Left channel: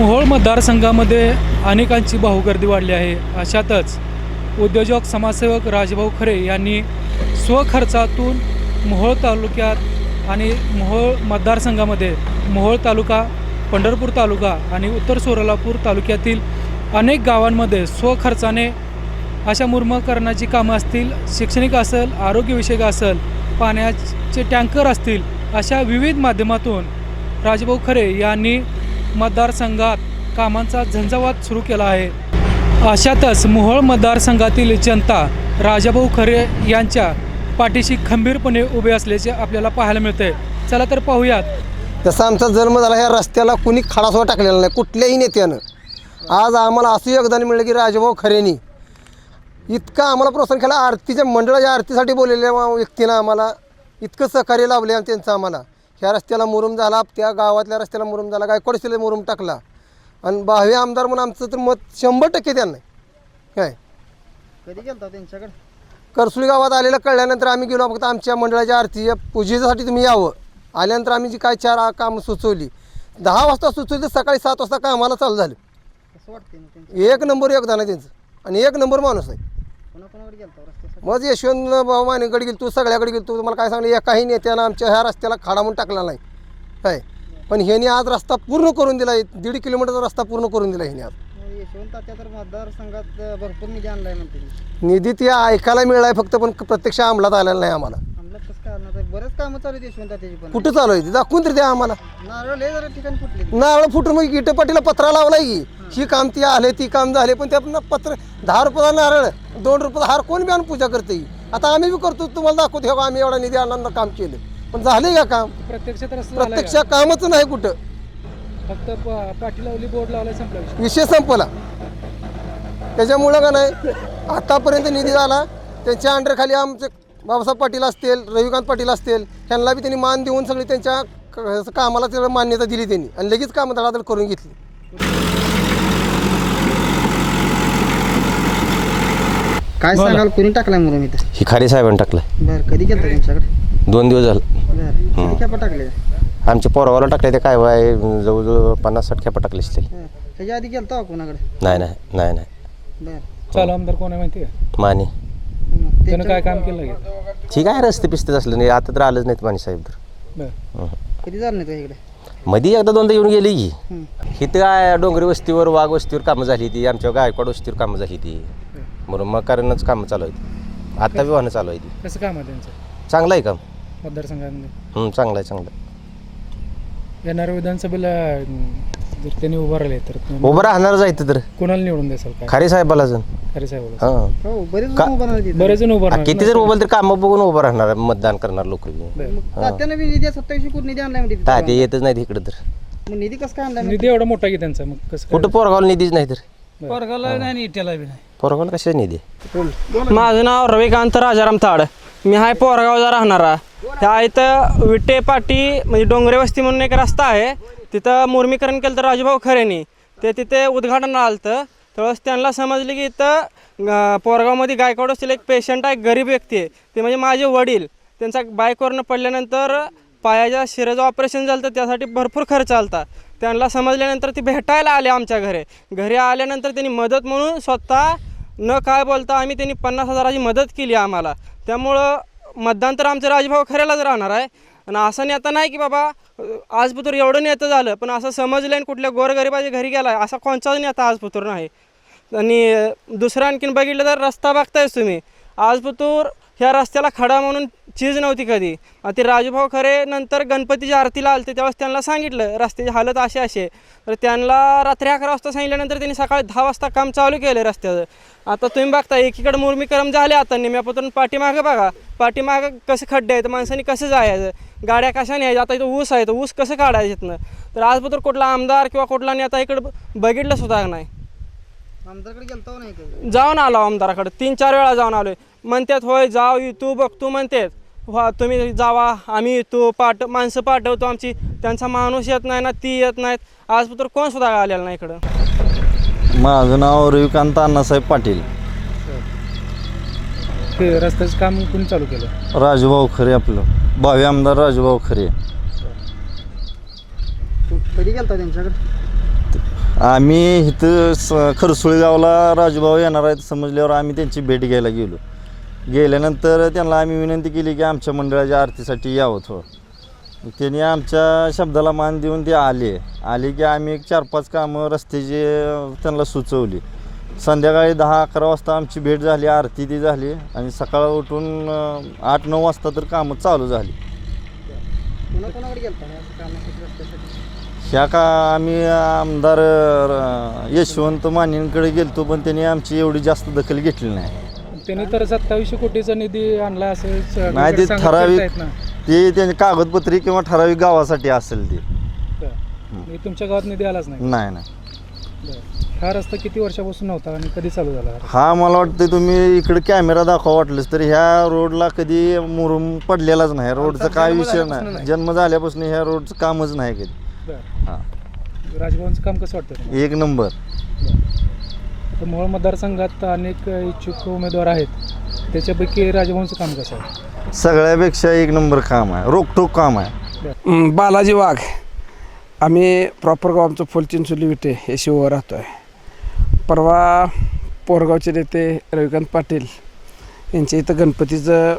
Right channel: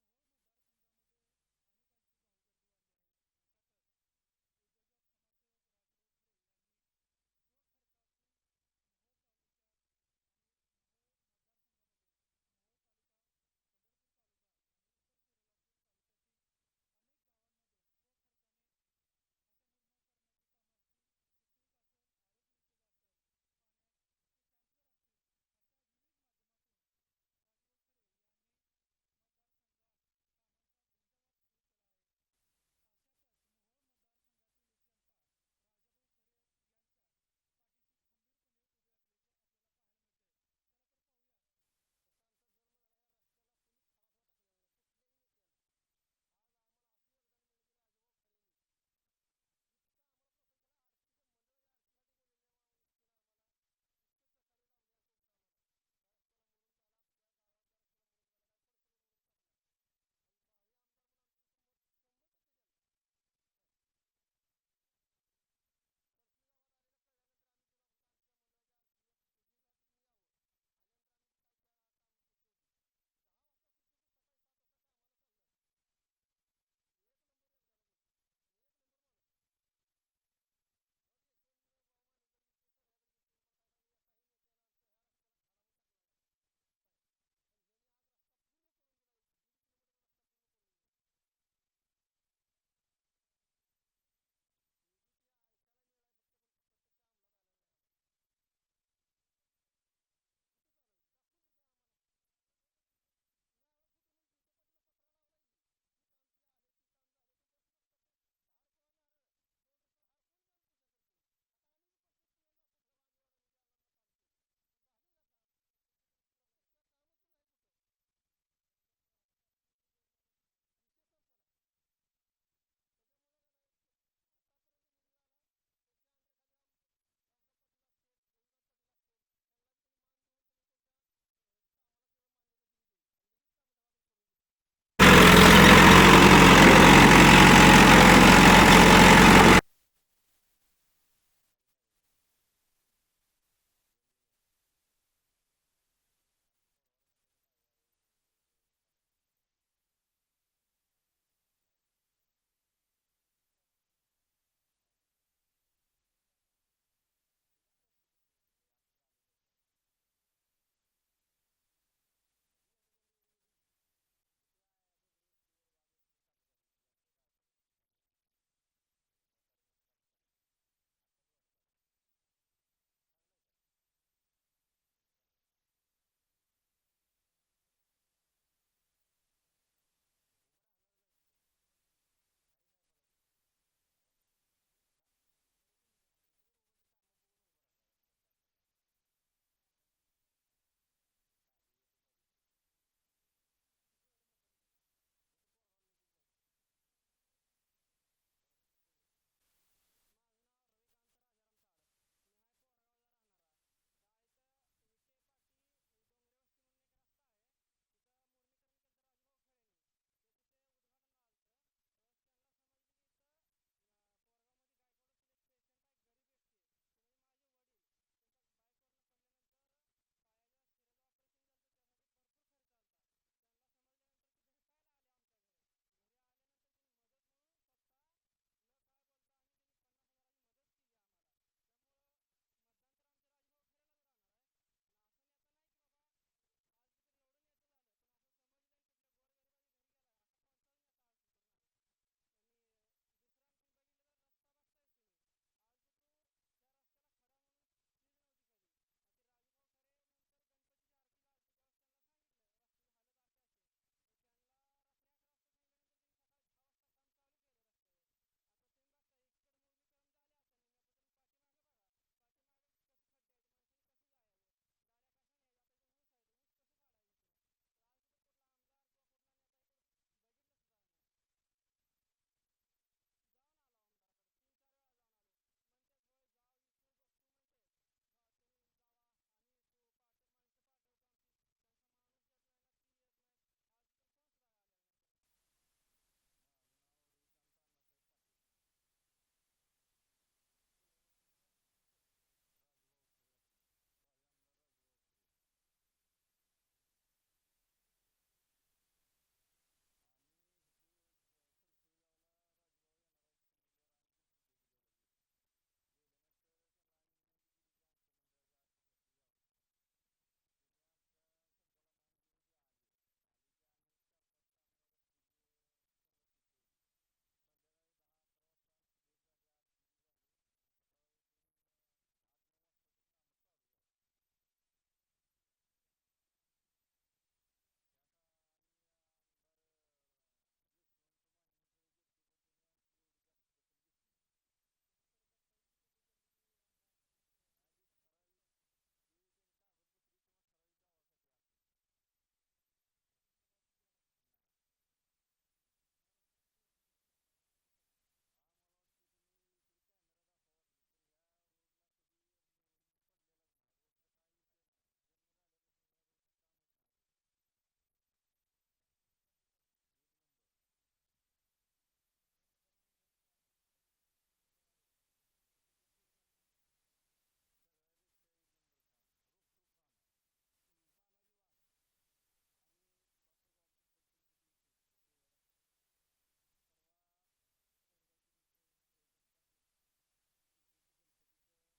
मोहोळ मतदारसंघामध्ये अनेकांची भाऊगर्दी वाढली आहे. अशातच उद्योजक समाजसेवक राजभाऊ खरे यांनी स्वखर्चातून मोहोळ तालुक्यात आणि मोहोळ मतदारसंघामध्ये मोहोळ तालुका पंढरपूर तालुका आणि उत्तर सोलापूर तालुक्यातील अनेक गावांमध्ये स्वखर्चाने अशा मुर्मकरणाची कामं असतील शैक्षणिक असेल आरोग्यविषयक असेल पाण्याचे टँकर असतील अशा विविध माध्यमातून राजभाऊ खरे यांनी मतदारसंघात कामांचा झंझावात सुरू केला आहे. अशातच मोहोळ मतदारसंघातील जनता राजाभाऊ खरे यांच्या पाठीशी खंबीरपणे उभे असल्याचे आपल्याला पाहायला मिळते चला तर पाहूयात. जसा आमचा जन्म झाला ह्या रस्त्याला कुणी खडासुद्धा टाकलेला नाही कुठल्याही नेत्यानं. आज आम्हाला असं योगदान मिळलं की राजाभाऊ खरेनी. इतका आम्हाला प्रोत्साहन केला आरतीच्या मंडळाच्या आरतीसाठी बोललेल्या व्यक्तीनं आम्हाला इतकं सहकार्य लाभले आणि त्यांचं आम्हाला. ह्या रस्त्याला मुरुम झाला त्या गावातल्या रस्त्याला मुरुम झाला गायकवाड शिले मुरुम टाकला. आणि भावी आमदार म्हणून आमचं तर मत शंभर टक्के त्यांना आहे. काय? कधी गेलता त्यांच्याकडे? करसुळी गावात आलेलं कळल्यानंतर आम्ही गेलो फक्त आमच्या मंडळाच्या आरतीच्या पूजेसाठी तुम्ही यावं. आल्यानंतर आम्ही जी काय चार आ- कामं सुचवली. दहा वाजता सुचवली तर सकाळी सात वाजता कामाला चालू झालं. कसं वाटते मग त्यांचं? एक नंबर योगदान आहे त्यांचं. आणि एक नंबर माणूस आहे. कोणाकोणाकडे गेलता रस्त्यासाठी मग यशवंत भाऊ मानेकडे गेलो तू सगळ्याकडे गेलो तू तुम्हाला काय सांगलं एकाही नेत्यानं आमच्या ह्या रस्त्याला खाडा म्हणून टाकला नाही. काय? पण ह्याने आज रस्ता पूर्ण करून दिला दीड किलोमीटरचा रस्ता पूर्ण करून दिला ह्याने आज. मग यशवंत तात्या तर मतदारसंघात भरपूर निधी आणलाय म्हणते. निधी ते ऐकायला मिळाला फक्त पण प्रत्यक्ष अंमलात आलेला नाही आम्हाला. बरेच कामं चालू आहेत यशवंत पण. कुठं चालू आहे ते? दाखवून तरी द्या आम्हाला. नारळ लय जरा ठिकाणी फुटले नारळ फुटून मग इटपाटीला पत्रा लावलाय की. ही. काम ती आले ती काम झाले पण त्या पत्र दहा रुपयाला नारळ दोन रुपयाला हार कोण बी आणून पूजा करते ही. आता आम्ही बी करतो तुम्हाला दाखवतो हे बघा, आम्ही एवढा निधी आणणार काम केलं. पण झाले का काम? प्रत्यक्षात रस्ता झालाय प्रत्यक्ष का? कामच नाही कुठं. फक्त प- पाठी लावली बोर्ड लावलाय संपला विषय. विषय संपला. त्याच्यामुळं का नाही आतापर्यंत निधी झाला त्यांच्या अंडरखाली आमचे बाबासाहेब पाटील असतील रविकांत पाटील असतील त्यांना बी त्यांनी मान देऊन सगळी त्यांच्या क- कामाला तेवढं मान्यता दिली त्यांनी आणि लगेच कामं धडाधड करून घेतली. काय सांगाल कोणी टाकलाय म्हणून इथं? ही खारे साहेबांनी टाकलं बरं कधी गेलता त्यांच्याकडे दोन दिवस झालं. बरं किती खेपा टाकले? आमच्या पोरावाला टाकले ते काय वाय जवळजवळ पन्नास साठ खेपा टाकले असतील. हं. ह्याच्या आधी गेलता का कोणाकडे? नाही नाही नाही नाही. बरं. चालू आमदार कोण आहे माहिती आहे माने. त्यानं काय काम केलं ठीक आहे रस्ते पिस्ते असलं. नाही आता तर आलंच नाहीत माने साहेब तर. बरं. हं. कधी झालं नाही तो इकडे? मध्ये एकदा दोनदा येऊन गेली की. हं. इथं काय डोंगरी वस्तीवर वाघ वस्तीवर कामं झाली ती आमच्या गायकवाड वस्तीवर कामं झाली ती बरोबर मग कारणच कामं चालू आहेत. आता बी वाहनं चालू आहे ती कसं काम आहे त्यांचं? चांगलं आहे काम मतदारसंघामध्ये? हं, चांगलं आहे चांगलं आहे. येणाऱ्या विधानसभेला अं, जर त्यांनी उभं राहिले तर तुम्ही उभं राहणारच आहे तर. कोणाला निवडून द्याल काय? खारे साहेबाला जण खरे साहेब हां. हो बरेच का- जण उभं राहिले तिथं. बरेच जण उभं आ, राहणार. किती जर उभं तर कामं बघून उभं राहणार मतदान करणार लोक बरं. मग तात्यानं बी निधी सत्तावीसशे कोटी निधी आणलाय म्हणजे काय तिथं. ते येतच नाहीत इकडं तर. मग निधी कसं काय आणलाय निधी एवढा मोठा की त्यांचा मग कसं काय? कुठं पोरगावला निधीच नाही तर? पोरगाला नाही इट्याला बी नाही. पोरगावला कशाच निधी? माझं नाव रविकांत राजाराम ताड. मी हाय पोरगावचा राहणारा. ह्या इथं विटे पाटी म्हणजे डोंगरे वस्ती म्हणून एक रस्ता आहे. तिथं मुर्मीकरण केलं तर राजूभाऊ खरेनी. ते तिथे उद्घाटन आलं तर त्यावेळेस त्यांना समजले की इथं पोरगावमध्ये गायकवाड असतील एक पेशंट आहे गरीब व्यक्ती आहे. ते म्हणजे माझे वडील. त्यांचा बाईकवरनं पडल्यानंतर पायाच्या शिराचं ऑपरेशन झालं तर त्यासाठी भरपूर खर्च आलता. त्यांना समजल्यानंतर ते भेटायला आले आमच्या घरी. घरी आल्यानंतर त्यांनी मदत म्हणून स्वतः न काय बोलता आम्ही त्यांनी पन्नास हजाराची मदत केली आम्हाला. त्यामुळं मतदान तर आमचं राजभाऊ खऱ्यालाच राहणार आहे. आणि असं नेता नाही की बाबा आज पुतूर एवढं नेतं झालं पण असं समजलं आणि कुठल्या गोरगरिबाच्या घरी गेला असा कोणताच नेता आज पुतूर नाही. आणि दुसरं आणखीन बघितलं तर रस्ता बघतायच तुम्ही. आज पुतूर ह्या रस्त्याला खडा म्हणून चीज नव्हती कधी. ते राजूभाऊ खरे नंतर गणपतीच्या आरतीला आलते तेव्हा त्यांना सांगितलं रस्त्याची हालत अशी अशी आहे. तर त्यांना रात्री अकरा वाजता सांगितल्यानंतर त्यांनी सकाळी दहा वाजता काम चालू केलं रस्त्याचं. आता तुम्ही बघता एकीकडे मुरमीकरम झाले आता निम्यापासून पाठीमागं बघा. पाठीमागं कसं खड्डे आहेत माणसांनी कसं जायचं? गाड्या कशाने यायच्या आता इथं ऊस आहे तर ऊस कसं काढायचं इथनं? तर आजपत्र कुठला आमदार किंवा कुठला नेता इकडं बघितलं सुद्धा नाही? जाऊन आलो आमदाराकडे. तीन चार वेळा जाऊन आलोय. म्हणतात होय जाव तू बघतो म्हणतात हा तुम्ही जावा. आम्ही येतो पाठ माणसं पाठवतो आमची. त्यांचा माणूस येत नाही ना ती येत नाहीत. आज तर कोण सुद्धा आलेलं नाही इकडं. माझं नाव रविकांत अण्णासाहेब पाटील. ते रस्त्याचं काम कोणी चालू केलं? राजूभाऊ खरे आपलं. भावी आमदार राजूभाऊ खरे. तू कधी गेलता त्यांच्याकडे? आम्ही इथं स खरसुळी गावाला राजूभाऊ येणार आहेत. समजल्यावर आम्ही त्यांची भेट घ्यायला गेलो. गेल्यानंतर त्यांना आम्ही विनंती केली की आमच्या मंडळाच्या आरतीसाठी यावं थोडं. त्यांनी आमच्या शब्दाला मान देऊन ते आले. आले की आम्ही एक चार पाच कामं रस्त्याची त्यांना सुचवली. संध्याकाळी दहा अकरा वाजता आमची भेट झाली आरती ती झाली आणि सकाळ उठून आठ नऊ वाजता तर कामं चालू झाली. ह्या का आम्ही आमदार यशवंत मानेंकडे गेलतो पण त्यांनी आमची एवढी जास्त दखल घेतली नाही. त्यांनी तर सत्तावीसशे कोटीचा निधी आणला असं सगळीकडे नाही ते ठराविक. ते त्यांची कागदपत्री किंवा ठराविक गावासाठी असेल ते. म्हणजे तुमच्या गावात निधी आलाच नाही? नाही नाही. हा रस्ता किती वर्षापासून नव्हता आणि कधी चालू झाला हा मला वाटतं तुम्ही इकडे कॅमेरा दाखवा वाटलंच तर ह्या रोडला कधी मुरुम पडलेलाच नाही. रोडचा काय विषय नाही. जन्म झाल्यापासून ह्या रोडचं कामच नाही कधी. हा. राजभवनचं काम कसं वाटतं? एक नंबर. तर मोहोळ मतदारसंघात अनेक इच्छुक उमेदवार आहेत. त्याच्यापैकी राजभवनचं काम कसं आहे? सगळ्यापेक्षा एक नंबर काम आहे. रोकटोक काम आहे. हं, बालाजी वाघ. आम्ही प्रॉपर गाव आमचं फुलचिंचोली विटे हे शिववर राहतो आहे परवा पोरगावचे नेते रविकांत पाटील यांच्या इथं गणपतीचं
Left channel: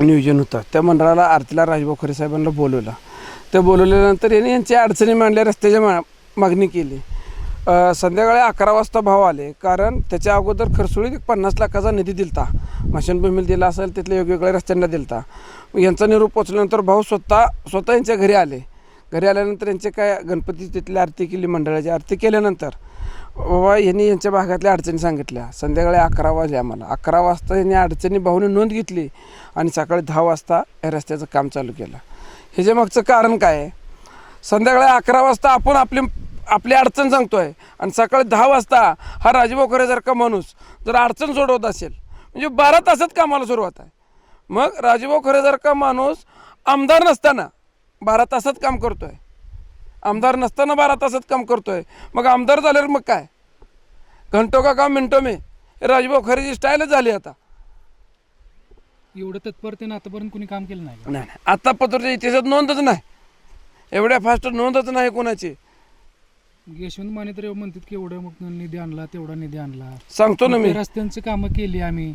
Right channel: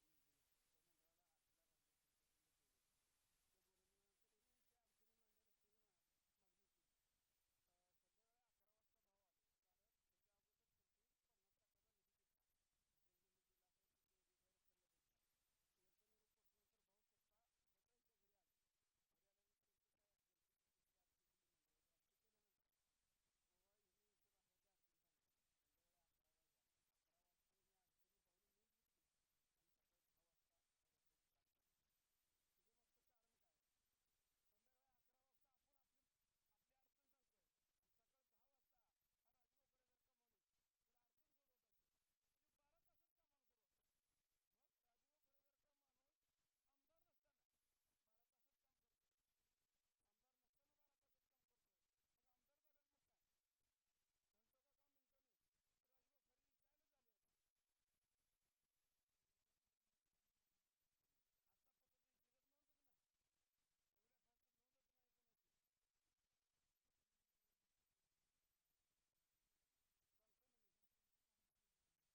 नियोजन होतं. त्या मंडळाला आरतीला राजभाऊ खरे साहेबांना बोलवलं. ते बोलवल्यानंतर यांनी यांच्या अडचणी मांडल्या रस्त्याची मा मागणी केली. अ, संध्याकाळी अकरा वाजता भाव आले. कारण त्याच्या अगोदर खरसुळीत एक पन्नास लाखाचा निधी दिलता. मशानभूमीला दिला असेल तिथल्या वेगवेगळ्या रस्त्यांना दिलता. यांचा निरोप पोचल्यानंतर भाऊ स्वतः स्वतः यांच्या घरी आले. घरी आल्यानंतर यांचे काय गणपती तिथली आरती केली मंडळाची आरती केल्यानंतर बाबा यांनी यांच्या भागातल्या अडचणी सांगितल्या. संध्याकाळी अकरा वाजले आम्हाला. अकरा वाजता यांनी अडचणी भाऊने नोंद घेतली आणि सकाळी दहा वाजता या रस्त्याचं काम चालू केलं. ह्याच्या मागचं कारण काय आहे? संध्याकाळी अकरा वाजता आपण आपली आपली अडचण सांगतोय. आणि सकाळी दहा वाजता हा राजभाऊ माणूस जर अडचण सोडवत असेल म्हणजे बारा तासात कामाला सुरुवात आहे. मग राजभाऊ खरेसारखा माणूस आमदार नसताना बारा तासात काम करतोय. आमदार नसताना बारा तासात काम करतोय. मग आमदार झाल्यावर मग काय? घंटो का काम मिनटो मे. राजभाऊ खरेची स्टाईलच झाली आता. एवढं तत्परतेनं आतापर्यंत कोणी काम केलं नाही नाही नाही. आता पत्रच्या इतिहासात नोंदच नाही. एवढ्या फास्ट नोंदच नाही कोणाची. यशवंत माने तर म्हणतात की एवढं मग निधी आणला तेवढा निधी आणला. सांगतो ना मी. रस्त्यांची कामं केली आम्ही.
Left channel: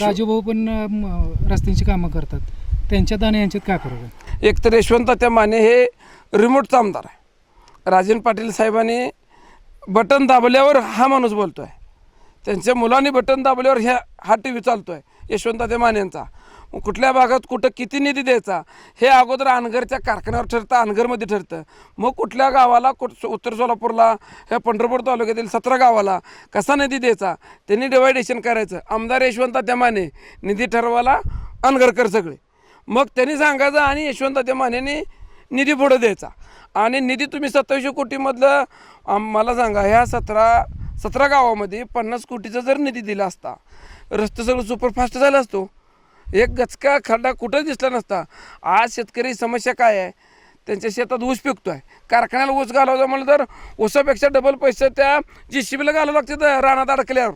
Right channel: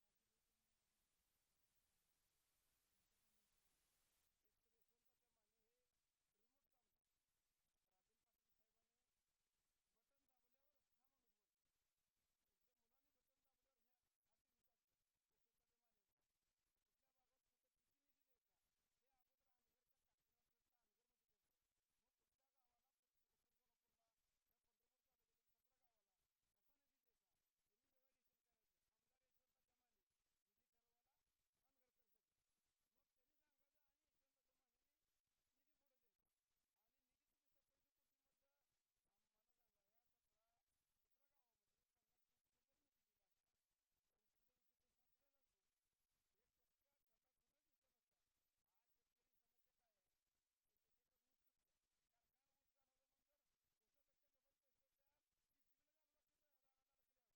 राजूभाऊ पण रस्त्यांची कामं करतात. त्यांच्यात आणि यांच्यात काय फरक आहे? एक तर यशवंत त्या माने हे रिमोटचा आमदार आहे. राजन पाटील साहेबांनी बटन दाबल्यावर हा माणूस बोलतोय. त्यांच्या मुलांनी बटन दाबल्यावर ह्या हा टी व्ही चालतोय. यशवंत त्या मानेंचा मग कुठल्या भागात कुठं किती निधी द्यायचा हे अगोदर अनगरच्या कारखान्यावर ठरतं अनगरमध्ये ठरतं. मग कुठल्या गावाला कुठ उत्तर सोलापूरला ह्या पंढरपूर तालुक्यातील सतरा गावाला कसा निधी द्यायचा? त्यांनी डिवायडेशन करायचं. आमदार यशवंत त्यामाने निधी ठरवायला अनगरकर सगळे. मग त्यांनी सांगायचं आणि यशवंत त्यामानेने निधी पुढं द्यायचा. आणि निधी तुम्ही सत्तावीसशे कोटीमधलं मला सांगा ह्या सतरा सतरा गावामध्ये पन्नास कोटीचा जर निधी दिला असता रस्ते सगळं सुपरफास्ट झाला असतो. एक गचका खड्डा कुठं दिसला नसता. आज शेतकरी समस्या काय आहे? त्यांच्या शेतात ऊस पिकतो आहे कारखान्याला ऊस घालवतो म्हणलं तर ऊसापेक्षा डबल पैसे त्या जी शिबीला घालावं लागते रानात अडकल्यावर.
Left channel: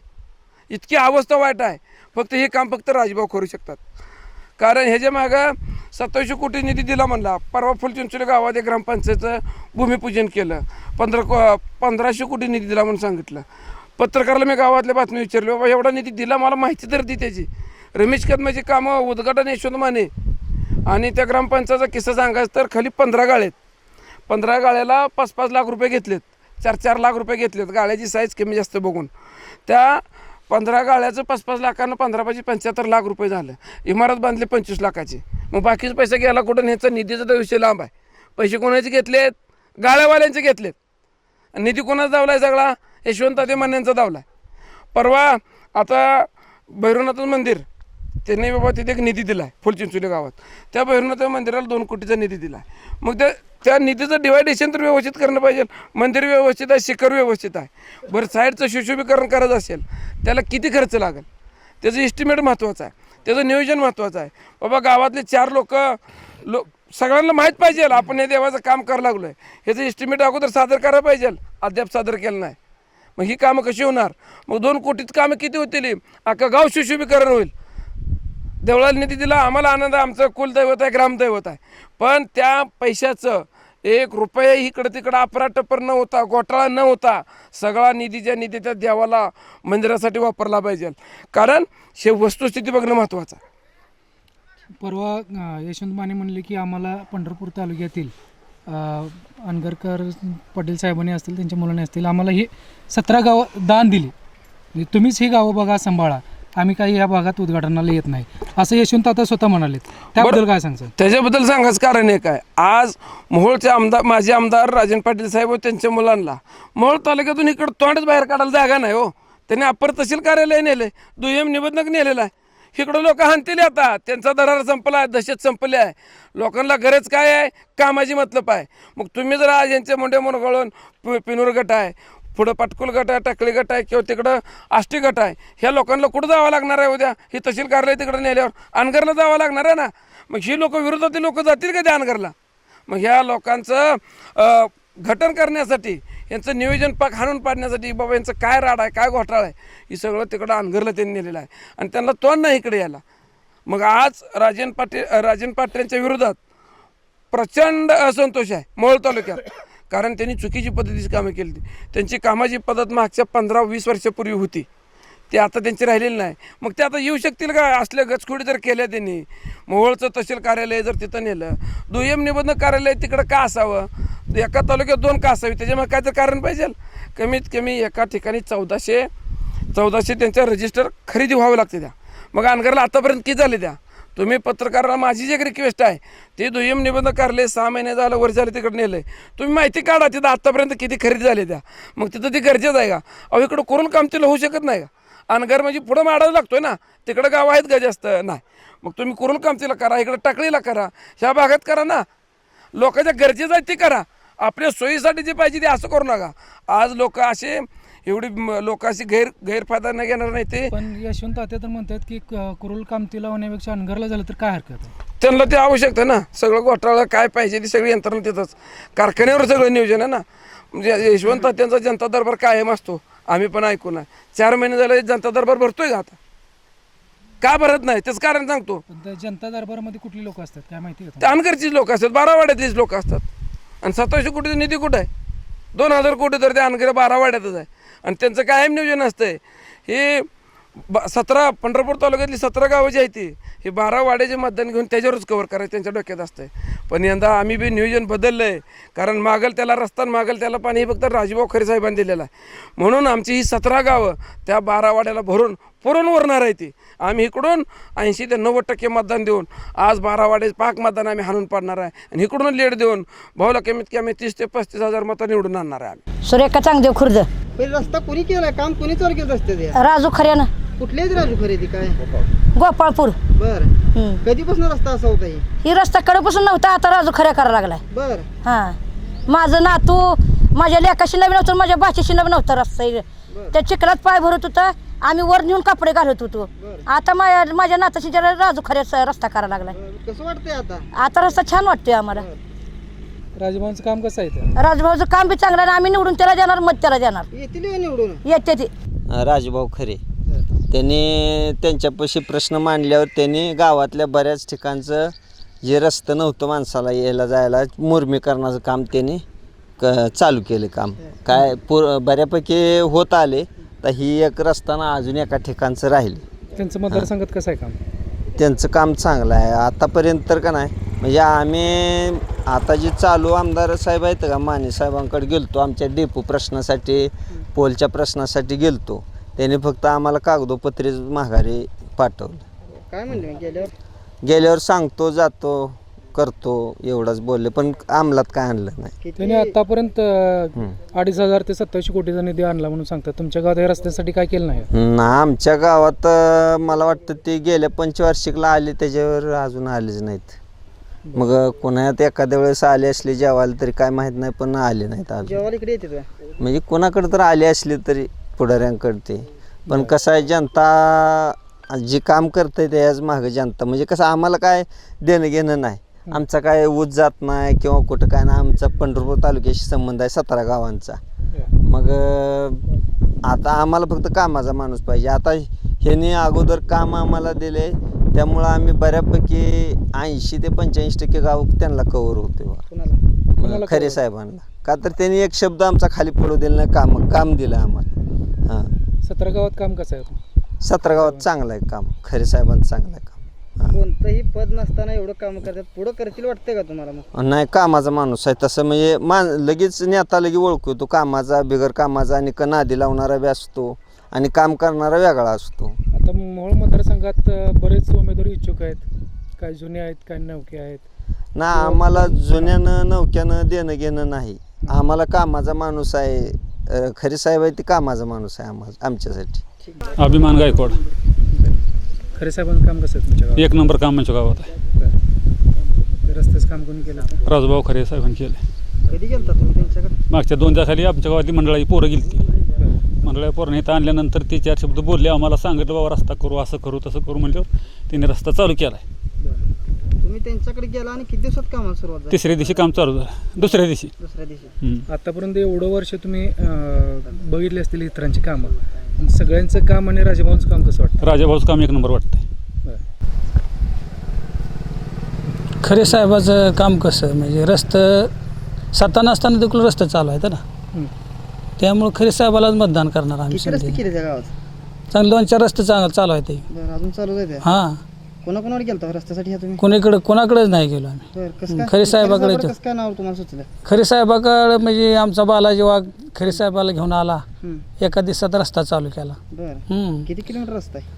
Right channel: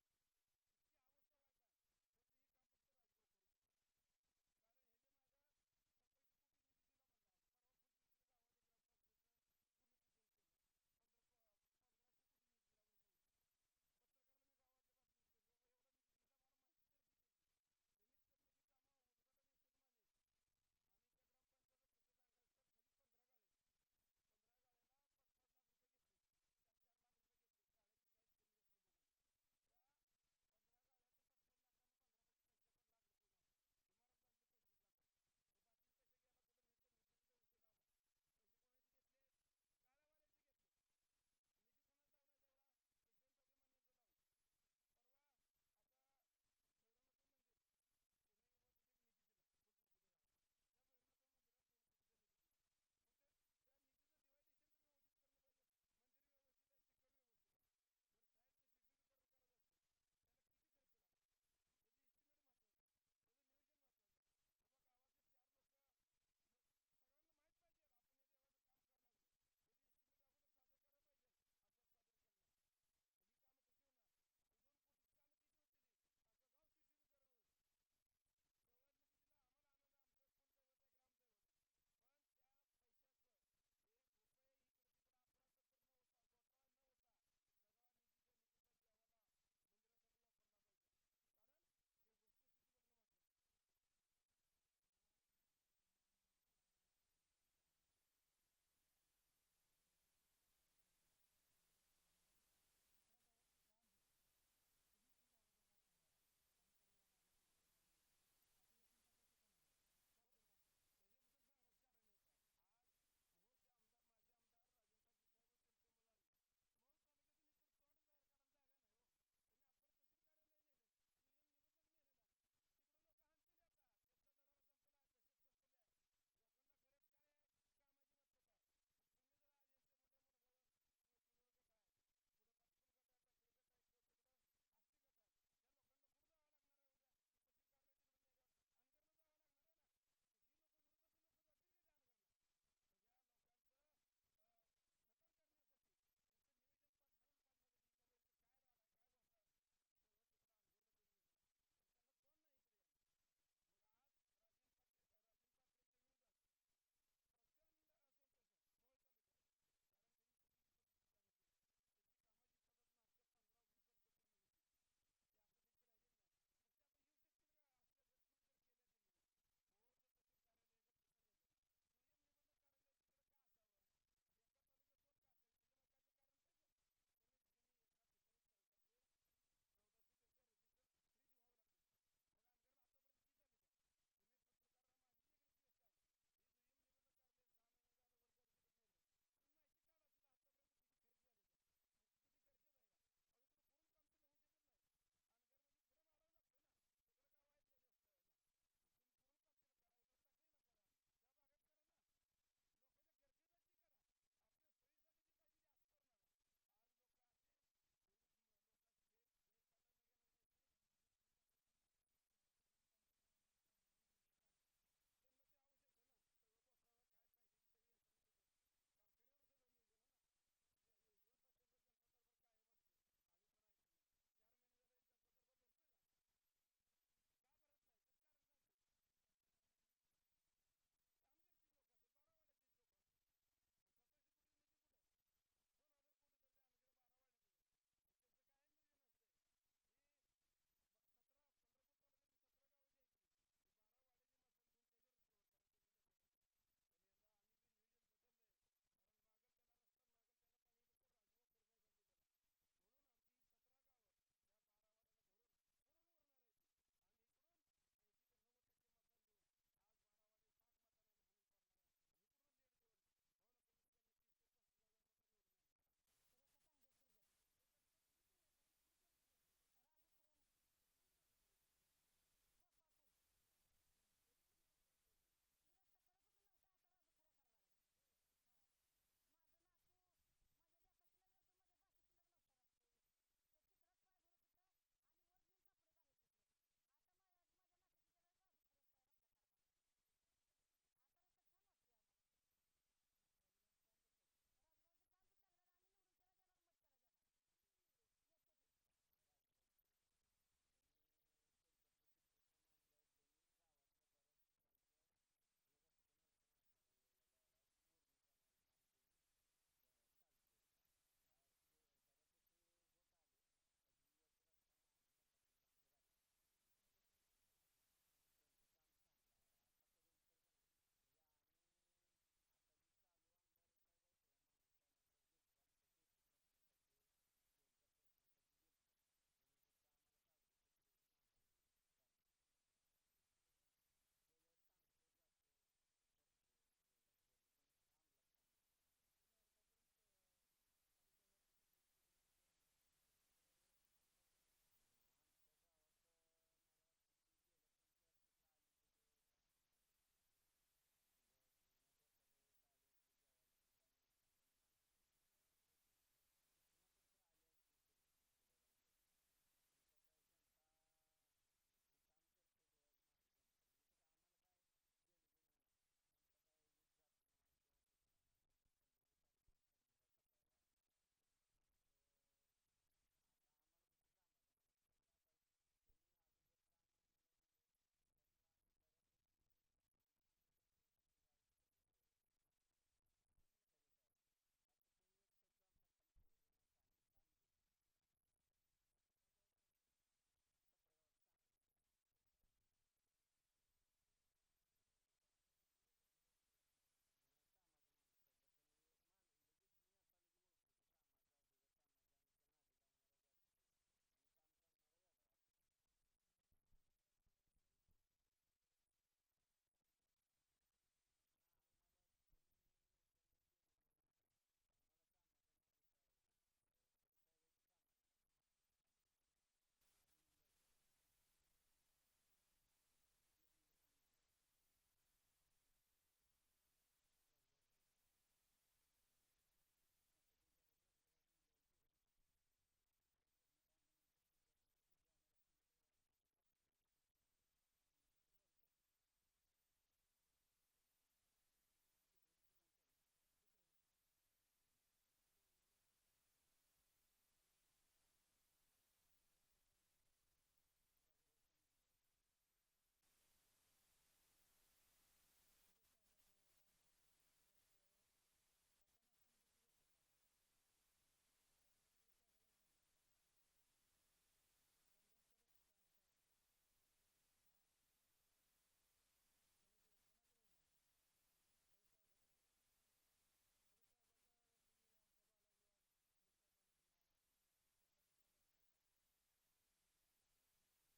इतकी अवस्था वाईट आहे. फक्त हे काम फक्त राजभाऊ करू शकतात. कारण ह्याच्या मागं सत्तावीसशे कोटी निधी दिला म्हणला. परवा फुलचिंचोली गावात एक ग्रामपंचायतचं भूमिपूजन केलं. पंधरा को पंधराशे कोटी निधी दिला म्हणून सांगितलं. पत्रकाराला मी गावातल्या बातमी विचारली बाबा एवढा निधी दिला मला माहिती तर दी त्याची. रमेश कदमाची कामं उद्घाटन यशवंत माने आणि त्या ग्रामपंचायतचा किस्सा सांगायचं तर खाली पंधरा गाळेत पंधरा गाळ्याला पाच पाच लाख रुपये घेतलेत. चार चार लाख रुपये घेतलेत. गाळ्याची साईज कमी जास्त बघून. त्या पंधरा गाळ्याचं पाच पाच लाखानं पंधरा पाचशे पंच्याहत्तर लाख रुपये झालं. इमारत बांधली पंचवीस लाखाची. मग बाकीचे पैसे गेला कुठं ह्याचा निधीचा तर विषय लांब आहे. पैसे कोणाचे घेतलेत? गाळ्यावाल्यांचे घेतलेत. निधी कोणाचा दावला सगळा? यशवंत ते मान्यांचा दावला परवा आता भैरवनाथ मंदिर. त्यांनी बाबा तिथे एक निधी दिला आहे फुलचिंचोली गावात. त्या भैरवनाथ मंदिराला दोन कोटीचा निधी दिला आहे मग त्या त्या निधीचं डिवायडेशन तर व्यवस्थित करणं पाहिजे. मंदिर व्यवस्थित आहे शिखर व्यवस्थित आहे. बरं साईडचं सुशोभीकरण करायचं असेल त्याला किती खर्च लागेल? त्याचं इस्टिमेट महत्त्वाचं आहे. त्याचं नियोजन महत्त्वाचं आहे. बाबा गावातले चार लोक लो सगळ्यांना माहीत पाहिजे. आपण हे देवाचं काम करायला लागलो आहे ह्याचं इस्टिमेट अगोदर सादर करायला पाहिजे. अद्याप सादर केलं नाही. मग ही कामं कशी होणार? मग दोन कोटीत कामं किती होतील? अख्खा गाव सुशोभीकरण होईल. देवळाला निधी दिला आम्हाला आनंद आहे. आमचं कुलदैवत आहे ग्रामदैवत आहे. पण त्या पैशाचं एक रुपये इकडं तिकडं अपराटपर न होता घोटाळा न होता सगळा निधी ज्या निधी त्या देवाला मंदिरासाठी वापरला पाहिजे. कारण शे वस्तुस्थिती बघणं महत्त्वाचं परवा यशवंत माने म्हणले की आम्हाला पंढरपूर तालुक्यातील अनगरकर पटेल साहेबांनी असतील त्यांच्या मुलांनी असतील आम्हाला हे सतरा गावं दान दिली. म्हणजे तुम्हीच ही गावं बघा सांभाळा. आम्ही काही या भागात उद्घाटनाला येत नाही. असं यशवंत आता स्वतः म्हणाले त्याबद्दल काय सांगसान त्याच्याबद्दल सांगायचं कारण एक आहे. आज मोहोळचे आमदार माजी आमदार राजन पाटील साहेब व त्यांच्या मुलांना मोहोळ तालुक्यातून इकडं तोंडच बाहेर काढायला जागा नाही हो. त्यांनी अप्पर तहसील कार्यालय नेले दुय्यम निबंधक नेलेला आहे. इकडं लोक हाणतील आता. त्यांचा दरार संपला आहे दशेत संपले आहे. लोकांना गरज काय आहे? कामाची मतलब आहे. मग तुम्ही जर आज यांचे मोठे मोरगळून पिनूर गट आहे पुढं पाटकुल गट आहे टाकळी गट आहे किंवा तिकडं आष्टी गट आहे ह्या लोकांना कुठं जावं लागणार आहे उद्या? ही तहसील कार्यालय तिकडं नेल्यावर अनगरला जावं लागणार आहे ना? मग ही लोक विरोधातील लोक जातील का त्या अनगरला? मग ह्या लोकांचं घटन करण्यासाठी यांचं नियोजन पाक हाणून पाडण्यासाठी बाबा यांचं काय राड आहे काय घोटाळा आहे हे सगळं तिकडं अनगरला त्यांनी नेलेलं आहे. आणि त्यांना तोंड नाही इकडे यायला. मग आज राजन पाटील राजन पाटलांच्या विरोधात प्रचंड असंतोष आहे मोहोळ तालुक्यात. कारण त्यांनी चुकीची पद्धतीची कामं केली. होती. त्यांची कामाची पद्धत मागच्या पंधरा वीस वर्षापूर्वी होती ते आता त्यांची राहिलेली नाही. मग ते आता येऊ शकतील का? असल्या गचखोडी जर केल्या त्यांनी. मोहोळचं तहसील कार्यालय जर तिथं नेलं दुय्यम निबंधक कार्यालय तिकडं का असावं? एका तालुक्यात दोन का असावी? त्याच्यामुळे काय तर कारण पाहिजे. कमीत कमी एका ठिकाणी चौदाशे चौदाशे त्यांच्या रजिस्टर खरेदी व्हावं लागते त्या. मग अनगरला आतापर्यंत किती झाले त्या? तुम्ही पत्रकाराला माझी जी रिक्वेस्ट आहे ती दुय्यम निबंध काढले सहा महिने झालं वर्ष झालं तिकडे नेलं तुम्ही माहिती काढा तिथं आत्तापर्यंत किती खरेदी झाली त्या. मग तिथं ती गरजेचं आहे का? अहो इकडं करून काम तिला होऊ शकत नाही का? अनगर म्हणजे पुढं माडायला लागतोय ना. तिकडं गाव आहेत का जास्त? नाही. मग तुम्ही करून काम तिला करा? इकडं टाकळीला करा. ह्या भागात करा ना. लोकांच्या गरजेचं आहे ते करा. आपल्या सोयीसाठी जे पाहिजे ते असं करू नका. आज लोक असे एवढी लोक अशी गैर गैरफायदा न घेणार नाही ते. पण यशवंत आता तर म्हणतात की क- कुरुल कामतीला होण्यापेक्षा अनगरला झालं तर काय हरकत आहे? त्यांना ते आवश्यक आहे ना. सगळं घोटाळा काय पाहिजे ती सगळी यंत्रणा तिथंच कारखान्यावर सगळं नियोजन आहे ना. म्हणजे यशवंत त्यांचा जनता दरबार कायम असतो. आम्ही पण ऐकून आहे चार महिने झाले जनता दरबार भरतोय का आता? का भरत नाही? त्याचं कारण सांगतो. पण त्या जनता दरबारामध्ये कुठली लोक असतात? काय माहिती आहे का अनगरचीच लोक असतात. बारावाड्यातलीच लोक असतात. आणि सत्तावीसशे कोटीचा निधी कुठं आहे? दोन हजार कोटी तर ते अनगर बारावाड्यातच आहे. आणि त्यांचं कायम नियोजन असतंय. हे ब सतरा पंढरपूर तालुक्यातली सतरा गावं जी आहेत ती हे बारा वाड्याचे मतदान घेऊन त्याच्यावरच कव्हर करायचं त्यांच्या डोक्यात असतंय. पण यंदा आम्ही बी नियोजन बदललं आहे कारण मागल त्याला रस्ता मागल त्याला पाणी हे फक्त राजूभाऊ खरे साहेबांनी दिलेलं आहे. म्हणून आमची ही सतरा गावं त्या बारा वाड्याला भरून पुरून उरणार आहे ती. आम्ही इकडून ऐंशी ते नव्वद टक्के मतदान देऊन आज बारा वाडे पाक मतदान आम्ही हाणून पाडणार आहे. आणि इकडून लेट देऊन भाऊला कमीत कमी तीस ते पस्तीस हजार मतं निवडून आणणार आहे आम्ही. सुरेखा चांगदेव खुर्द. रस्ता कोणी केलाय? काम कोणी चालू केलं रस्त्याचे राजू खऱ्यानं कुठले आहेत राजू खरेदी काय? गोपाळपूर. बर. कधीपासून रस्ता असा होता ही? ही रस्ता कडपासून नव्हता आता राजू खऱ्या करायला लागलाय. बर. हां. माझं नातू माझ्या लेकाशी नवीन नव्हतं माझ्या बाशीशी नवीन नव्हतं रस्ता. त्या चिखलात पाय भरत होता आम्ही वर नेऊन कपडे घालत होतो. आता माझ्या माझ्या नाताशी जरा राजू खऱ्याचा रस्ता करायला लागलाय. कसं वाटतंय आता? आता रस्ता छान वाटतोय आम्हाला. राजभाऊंचं काम कसं आहे ते राजभाऊचं काम बी चांगलं आहे आणि आम्ही निवडून त्याला देणार मत त्याला देणार. येतील का निवडून? येते ते. राजभाऊ खरे. त्यांनी त्यांच्यापाशी प्रश्न मांडल्यावर त्यांनी गावातल्या बऱ्याच ठिकाणचं जे रस्तं नव्हतं माणसाला यायला जायला मुरमीकरणाचं काम त्यांनी क चालू केले काम. काय पूर बऱ्यापैकी होत आले. तर ही एक रस्ताना अजून एका ठिकाणचं राहिले. त्यांचं मतदारसंघात कसं आहे काम? त्यांचं काम चांगलं आहे. आतापर्यंत तर का नाही? म्हणजे आम्ही आता जे चालू आमदार साहेब आहेत का माने साहेबांकडे गेलतो. आमच्या डेपो प्रश्नासाठी पोलच्या प्रश्नासाठी गेलतो. त्यांनी फक्त आम्हाला कागदोपत्री माघारी पाठवलं. काय म्हणले गेल्यावर? गेल्यावर सांगतो जातो. करतो एवढंच बोलले पण अंमलात काय आणलं नाही. त्यांनी आतापर्यंत अडीच हजार ते सत्तावीसशे कोटीचा निधी आणला म्हणून सांगतात. तुमच्या गावात या रस्त्यासाठी काय केलं नाही? ना आमच्या गावात अं, मला वाटतं ते गेल्या पंचवार्षिकला आले त्याच्यावर अजून आलेच नाहीत. मग कोणात एखाद्या वेळेस आले असले जेवायला तरी काय माहीत नाही पण आले नाहीत अजून. जेवायला इकडे येते तुला म्हणजे कोणाकडे तर आले असले तरी पुढाऱ्यांकडे ते. पण कसं आहे जनता जी काम करते त्याच मागं जनता. म्हणजे कसं आम्हाला काय देणं घेणं नाही. आमचा काय ऊस जात नाही किंवा कुठं काय नाही आमचा पंढरपूर तालुक्याशी संबंध आहे सतरा गावांचा. मग आता आम्हाला फक्त कामाचा माणूस पाहिजे. आता ह्याने अगोदर काम आम्हाला दिले त्यामुळं आम्ही बऱ्यापैकी ऐंशी ते पंच्याऐंशी टक्के गाव त्यांना कवर होते खरे साहेबांना. का तर त्यांनी एक शब्द आमचा खाली पडू दिला नाही काम काम दिलं आम्हाला. हां. सतरा गावात काम कसं आहे? सतरा गावात चांगलं आहे काम. खरे साहेबांचं चांगलं आहे काम. कोणतंही पद नसताना एवढं काम करतात. पुढं करतील वाटतंय का तुम्हाला मग? नाही कामाचा माणूस आहे. तसं म्हणजे मान लगेच नेता लगे ओळखू तो कामाचा बिगर कामाचा आणि क नादी लावणारा बी असतो आणि काम करणारा वेगळा असतो. आता मोहोळ मतदारसंघात अ, बरेच उमेदवार इच्छुक आहेत. काही जुने आहेत काही नवके आहेत? ना आम्हाला जुन्यानं नौक्यानं देणं घेणं नाही. आम्हाला कामाचा माणूस आहे. अं, खरे साहेब आहे ते कामाचा माणूस आहे आम्हा आमच्यासाठी. अभिमान गायकवाड. खरे साहेबांचं काम कसं आहे तुमच्या गावात? एक नंबर काम आमच्या गावात आहे. बरं. ते रस्त्याचं काम कोणी केलं होतं? राजूभाऊ खरे साहेबांनी केलं कधी गेलता तुम्ही त्यांच्याकडे? मागच्या दोन खाली आमच्या गावातली मंडळाची पोरं गेली ती मंडळाच्या पोरांनी इथं आणल्यानंतर ते चार शब्द बोलले आम्हाला सांगितलं बाबा रस्ता करू असं करू तसं करू म्हटल्यावर तिने रस्ता चालू केला आहे तुम्ही त्यांच्याकडे गेला आणि किती दिवसात कामाला सुरुवात झाली? तिसऱ्या दिवशी काम चालू झालं. दुसऱ्या दिवशी. दुसऱ्या दिवशी. हम्म. आतापर्यंत एवढं वर्ष तुम्ही अ, बघितले असतील इतरांची कामं. सगळ्यांचं काम आणि राजभाऊंचं काम कसं वाटतं? राजाभाऊचं काम एक नंबर वाटतंय. खरे साहेबाचं काम कसं? म्हणजे रस्तं सत्ता नसताना देखील रस्ता चालू आहेत ना? हं. त्यामुळे खरे साहेबालाच मतदान करणार आम्ही किती रस्ते संधी. केले त्या गावात? चांगले दोन चार रस्ते चांगले चालू आहेत ते. बरं अजून चालू आहे त्या? हां. कोणाकोणावर गेलता रस्त्यासाठी ह्या तुम्ही? कोणीकडे कोणाकडेच नाही गेलो आम्ही. बरं कसं काय खरे साहेबाकडे खरे तर- कसं काय नाव तुम्हाला सुचलं? खरे साहेबाकडे म्हणजे आमचा बालाजी वाघ खरे साहेबाला घेऊन आला. हं. एका दिवसात रस्ता चालू केला. बरं. हं. किती किलोमीटर रस्ता आहे?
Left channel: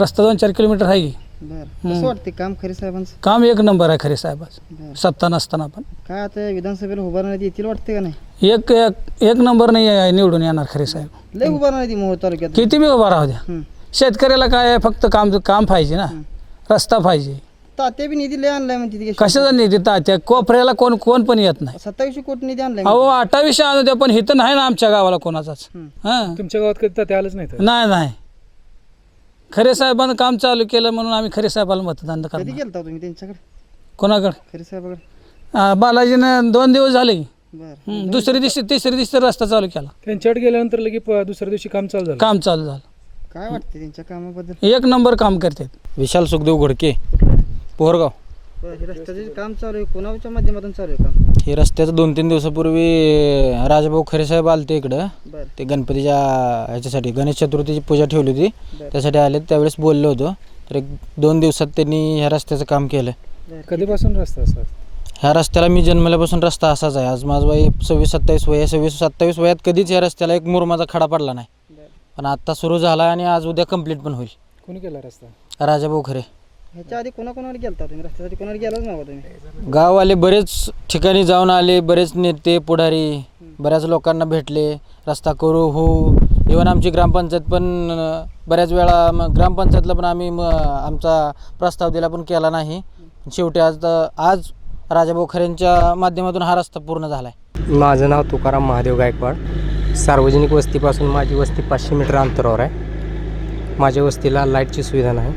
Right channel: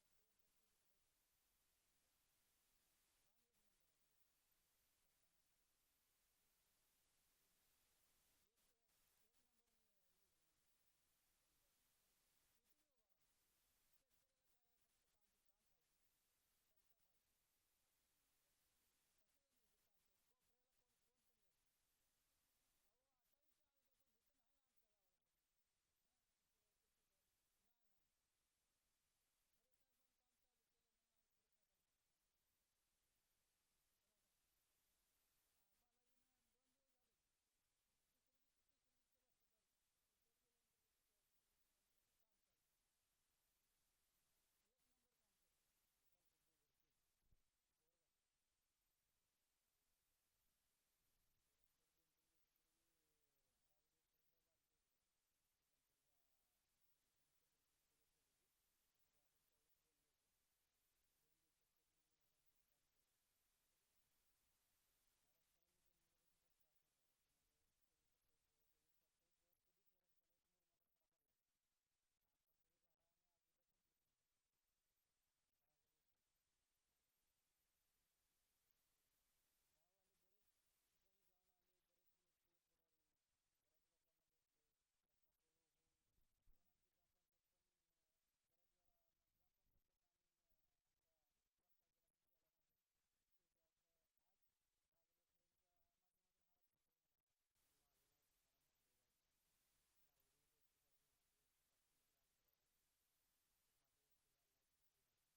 रस्ता दोन चार किलोमीटर आहे. की. बरं कसं वाटते काम खरे साहेबांचं? काम एक नंबर आहे खरे साहेबाचं. बरं. सत्ता नसताना पण. काय आता विधानसभेला उभारण्यात येतील वाटते का नाही? एक एक एक नंबर नाही आहे निवडून येणार खरे साहेब. लय उभारण्यात येते मोहोळ तालुक्यात. किती बी उभा राहू द्या. हं. शेतकऱ्याला काय आहे? फक्त काम काम पाहिजे ना. रस्ता पाहिजे. तात्या बी निधी लय आणलाय म्हणते ती कशाचा निधी तात्या? कोपऱ्याला कोण कोण पण येत नाही. सत्तावीसशे कोटी निधी आणलाय अहो अठ्ठावीसशे आणू द्या पण इथं नाही ना आमच्या गावाला कोणाचाच. हं. तुमच्या गावात कधी तात्या आलंच नाही तर नाही नाही. खरे साहेबांनं काम चालू केलं म्हणून आम्ही खरे साहेबाला मतदान कधी करणार गेलता तुम्ही त्यांच्याकडे? कोणाकडे? खरे साहेबाकडे. अं, बालाजीनं दोन दिवस झाले. की. बरं. हं, दुसऱ्या दिवशी तिसऱ्या दिवशी तर रस्ता चालू केला. त्यांच्याकडे गेल्यानंतर लगे प- दुसऱ्या दिवशी काम चालू झालं. काम चालू झालं. काय वाटते त्यांच्या कामाबद्दल? एक नंबर काम करतात. विशाल सुखदेव घोडके पोहरगाव. बरं, हे रस्त्याचे काम चालू आहे कोणाच्या माध्यमातून चालू आहे काम? हे रस्त्याचं दोन तीन दिवसापूर्वी राजाभाऊ खरे साहेब आलते इकडं. बरं. ते गणपतीच्या ह्याच्यासाठी गणेश चतुर्थीची पूजा ठेवली होती. बरं. त्यासाठी आले त्यावेळेस बोललो होतो. तर एक दोन दिवसात त्यांनी ह्या रस्त्याचं काम केलं. कधीपासून रस्ता असा? ह्या रस्त्याला मी जन्मल्यापासून रस्ता असाच आहे. आज माझं वय सव्वीस सत्तावीस वय आहे. सव्वीस सत्तावीस वयात कधीच या रस्त्याला एक मुरमाचा खडा पडला नाही. पण आत्ता सुरू झाला आणि आज उद्या कंप्लीट पण होईल. कोणी केला रस्ता? राजाभाऊ खरे. ह्याच्या आधी कोणाकोणावर गेलता तुम्ही? रस्त्यासाठी कोणावर गेलाच नव्हता तुम्ही? गाववाले बरेच ठिकाणी जाऊन आले बरेच नेते पुढारी बऱ्याच लोकांना भेटले. रस्ता करू हो. इवन आमची ग्रामपंचायत पण अं, बऱ्याच वेळा मग ग्रामपंचायतला पण आम्ही म, आमचा प्रस्ताव दिला पण केला नाही. शेवटी आज आज राजाभाऊ खरेंच्या माध्यमातून हा रस्ता पूर्ण झाला आहे माझं नाव तुकाराम महादेव गायकवाड. सार्वजनिक वस्तीपासून माझी वस्ती पाचशे मीटर अंतरावर आहे. माझ्या वस्तीला लाईटची सुविधा नाही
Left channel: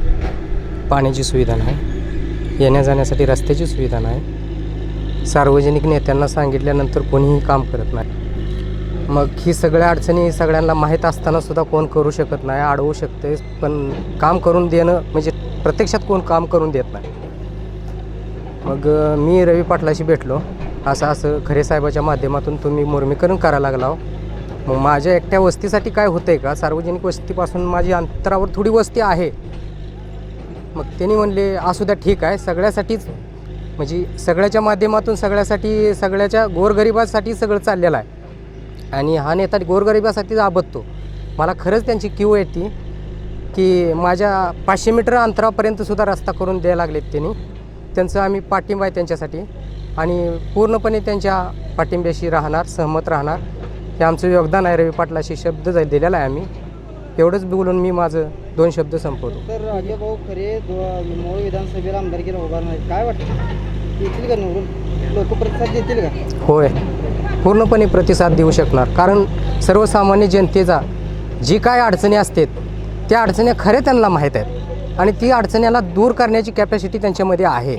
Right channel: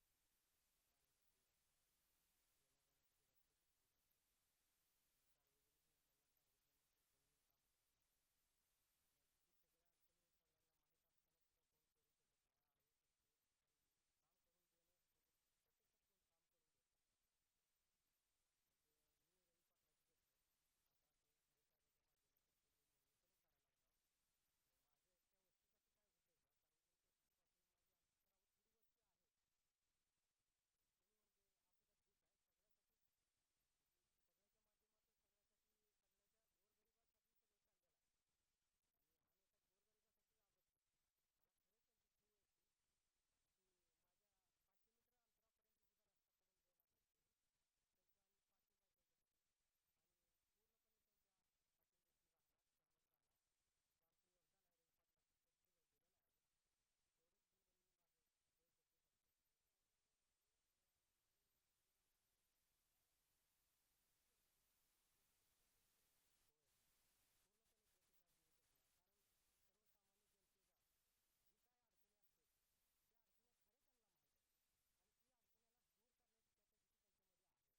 पाण्याची सुविधा नाही येण्या जाण्यासाठी रस्त्याची सुविधा नाही. सार्वजनिक नेत्यांना सांगितल्यानंतर कोणीही काम करत नाही. मग ही सगळ्या अडचणी सगळ्यांना माहीत असतानासुद्धा कोण करू शकत नाही अडवू शकते पण काम करून देणं म्हणजे प्रत्यक्षात कोण काम करून देत नाही. मग मी रवी पाटलाशी भेटलो. असं असं खरे साहेबाच्या माध्यमातून तुम्ही मुर्मीकरण करायला लागला आहो मग माझ्या एकट्या वस्तीसाठी काय होतं आहे का? सार्वजनिक वस्तीपासून माझी अंतरावर थोडी वस्ती आहे. मग त्यांनी म्हणले असू द्या ठीक आहे. सगळ्यासाठीच म्हणजे सगळ्याच्या माध्यमातून सगळ्यासाठी सगळ्याच्या गोरगरिबासाठी सगळं चाललेलं आहे. आणि हा नेता गोरगरिबासाठीच आबदतो मला खरंच त्यांची क्यू येते की माझ्या पाचशे मीटर अंतरापर्यंत सुद्धा रस्ता करून द्यायला लागलेत त्यांनी. त्यांचं आम्ही पाठिंबा आहे त्यांच्यासाठी. आणि पूर्णपणे त्यांच्या पाठिंब्याशी राहणार सहमत राहणार. हे आमचं योगदान आहे. रवी पाटलाशी शब्द दिलेला आहे आम्ही एवढंच बोलून मी माझं दोन शब्द संपवतो. तर राजेभाऊ खरे मोहोळ विधानसभेला आमदारकीला उभारणार आहेत. काय वाटतं? येतील का निवडून? लोक प्रतिसाद देतील का? होय. पूर्णपणे प्रतिसाद देऊ शकणार. कारण सर्वसामान्य जनतेचा जी काय अडचणी असतात त्या अडचणी खरे त्यांना माहीत आहेत. आणि ती अडचणीला दूर करण्याची कॅपॅसिटी त्यांच्यामध्ये आहे.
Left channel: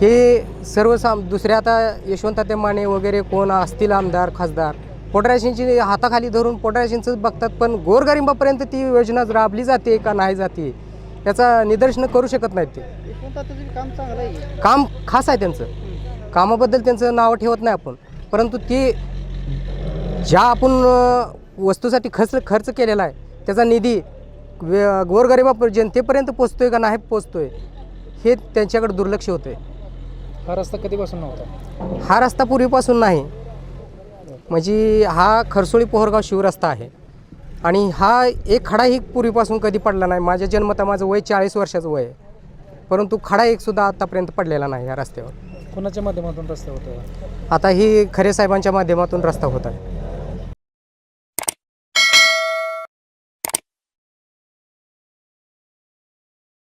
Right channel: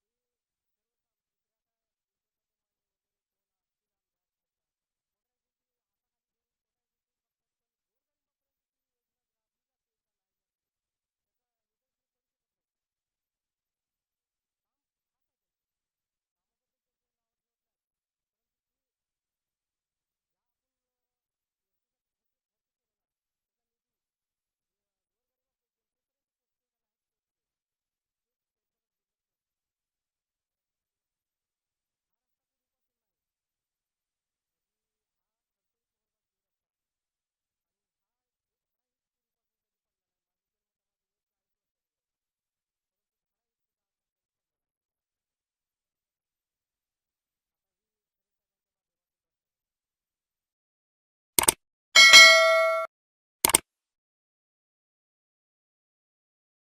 हे सर्वसाम दुसऱ्या आता यशवंत माने वगैरे कोण असतील आमदार खासदार पोटराशींची हाताखाली धरून पोटराशींचं बघतात पण गोरगरिबापर्यंत ती योजना राबली जाते का नाही जाते याचा निदर्शन करू शकत नाहीत ते. काम खास आहे त्यांचं. कामाबद्दल त्यांचं नाव ठेवत नाही आपण. परंतु ते ज्या आपण वस्तूसाठी खर्च खर्च केलेला आहे त्याचा निधी गोरगरिबा जनतेपर्यंत पोचतोय का नाही पोचतोय हे त्यांच्याकडे दुर्लक्ष होतंय. हा रस्ता कधीपासून नव्हता? हा रस्ता पूर्वीपासून नाही. म्हणजे हा खरसोळी पोहरगाव शिवरस्ता आहे. आणि हा एक खडाही पूर्वीपासून कधी पडला नाही. माझ्या जन्मता माझं वय चाळीस वर्षाचं वय आहे. परंतु खडा एक सुद्धा आतापर्यंत पडलेला नाही या रस्त्यावर. कोणाच्या माध्यमातून रस्ता होता आता ही खरे साहेबांच्या माध्यमातून रस्ता होत आहे.